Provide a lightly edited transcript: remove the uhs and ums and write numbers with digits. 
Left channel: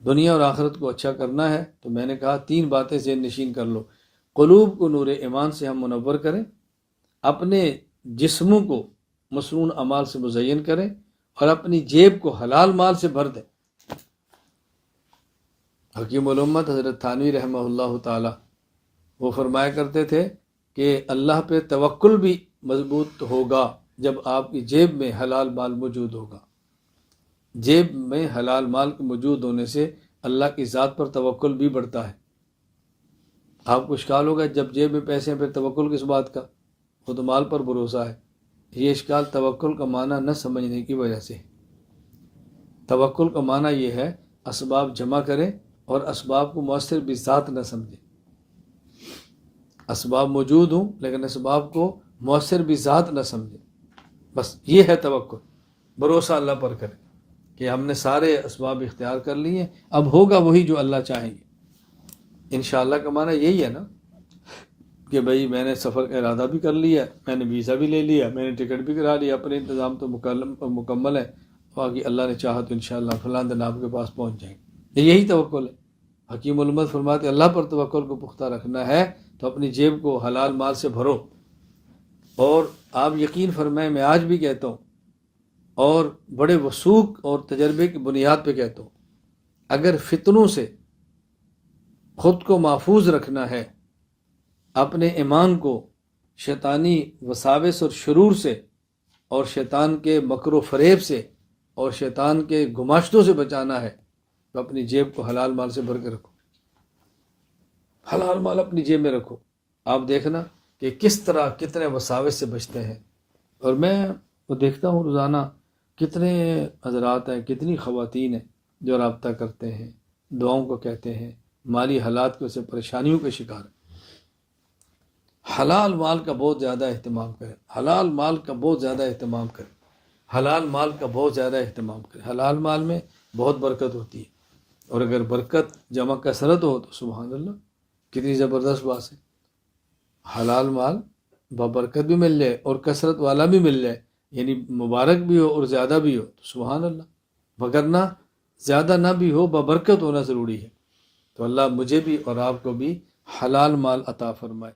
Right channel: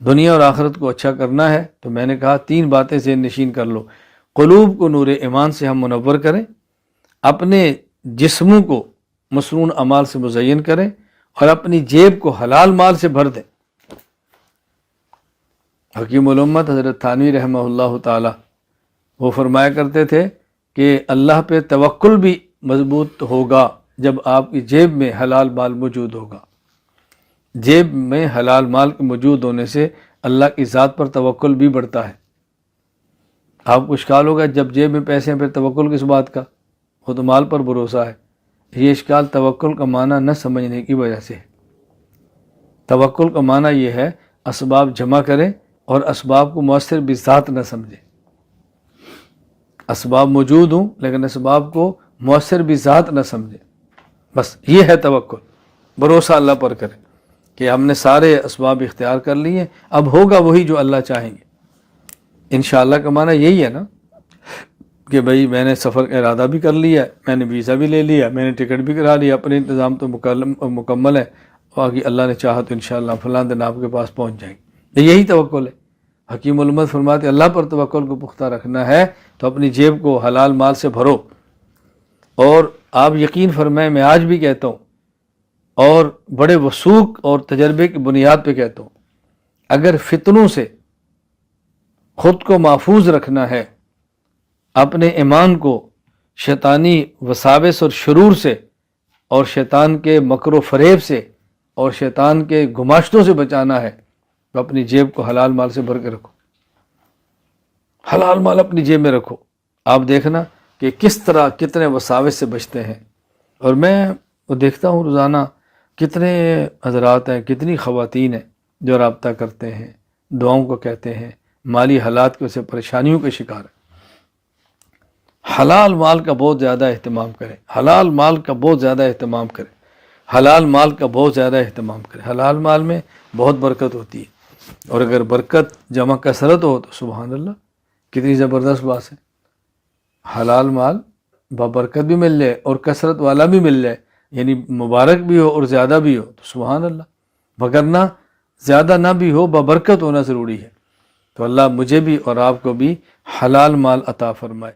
دنیا اور آخرت کو اچھا کرنا ہے تو میں نے کہا 3 باتیں ذہن نشین کر لو۔ قلوب کو نور ایمان سے ہم منور کریں، اپنے جسموں کو مسنون اعمال سے مزین کریں، اور اپنی جیب کو حلال مال سے بھر دیں۔ حکیم الامت حضرت تھانوی رحمہ اللہ تعالی وہ فرمایا کرتے تھے کہ اللہ پہ توکل بھی مضبوط ہوگا جب آپ کی جیب میں حلال مال موجود ہوگا۔ جیب میں حلال مال کے موجود ہونے سے اللہ کی ذات پر توکل بھی بڑھتا ہے۔ آپ کو اشکال ہوگا جب جیب میں پیسے ہیں پھر توکل کس بات کا، خود مال پر بھروسہ ہے۔ یہ اشکال توکل کا معنی نہ سمجھنے کی وجہ سے ہے۔ توکل کا معنی یہ ہے اسباب جمع کریں اور اسباب کو مؤثر بذات نہ سمجھیں۔ اسباب موجود ہوں لیکن اسباب کو مؤثر بذات نہ سمجھیں، بس یہ ہے توکل۔ بھروسہ اللہ پر کریں کہ ہم نے سارے اسباب اختیار کر لیے، اب ہوگا وہی جو اللہ چاہیں گے۔ انشاءاللہ کا معنی یہی ہے نا کہ بھئی میں نے سفر کا ارادہ بھی کر لیا، میں نے ویزا بھی لے لیا، میں نے ٹکٹ بھی کرا لیا، اپنے انتظام تو مکمل ہے، باقی اللہ نے چاہا تو انشاءاللہ فلاں دن آپ کے پاس پہنچ جائیں گے۔ یہی توکل ہے۔ حکیم الامت فرماتے اللہ پر توکل کو پختہ رکھنا ہے تو اپنی جیب کو حلال مال سے بھرو۔ اور آپ یقین فرمائیں، میں آج بھی کہتا ہوں اور بڑے وثوق اور تجربے کی بنیاد پہ کہتا ہوں، اگر فتنوں سے خود کو محفوظ رکھنا ہے، اپنے ایمان کو شیطانی وساوس اور شرور سے اور شیطان کے مکر و فریب سے اور شیطان کے گماشتوں سے بچانا ہے تو اپنی جیب کو حلال مال سے بھر کے رکھو۔ حلال مال اپنی جیب میں رکھو، آپ دیکھنا کہ کس طرح کتنے وساوس سے بچتے ہیں۔ اور میں دیکھتا ہوں روزانہ کتنے حضرات ہیں، کتنی خواتین ہیں جو رابطہ کرتے ہیں، دعاؤں کو کہتے ہیں، مالی حالات کے سے پریشانیوں کے شکار ہیں۔ حلال مال کا بہت زیادہ اہتمام کریں، حلال مال کا بہت زیادہ اہتمام کریں، حلال مال کا بہت زیادہ اہتمام کریں۔ حلال مال میں بہت برکت ہوتی ہے، اور اگر برکت جمع کثرت ہو تو سبحان اللہ کتنی زبردست بات ہے۔ حلال مال بابرکت بھی مل جائے اور کثرت والا بھی مل جائے، یعنی مبارک بھی ہو اور زیادہ بھی ہو تو سبحان اللہ، وگرنہ زیادہ نہ بھی ہو بابرکت ہونا ضروری ہے۔ تو اللہ مجھے بھی اور آپ کو بھی حلال مال عطا فرمائے۔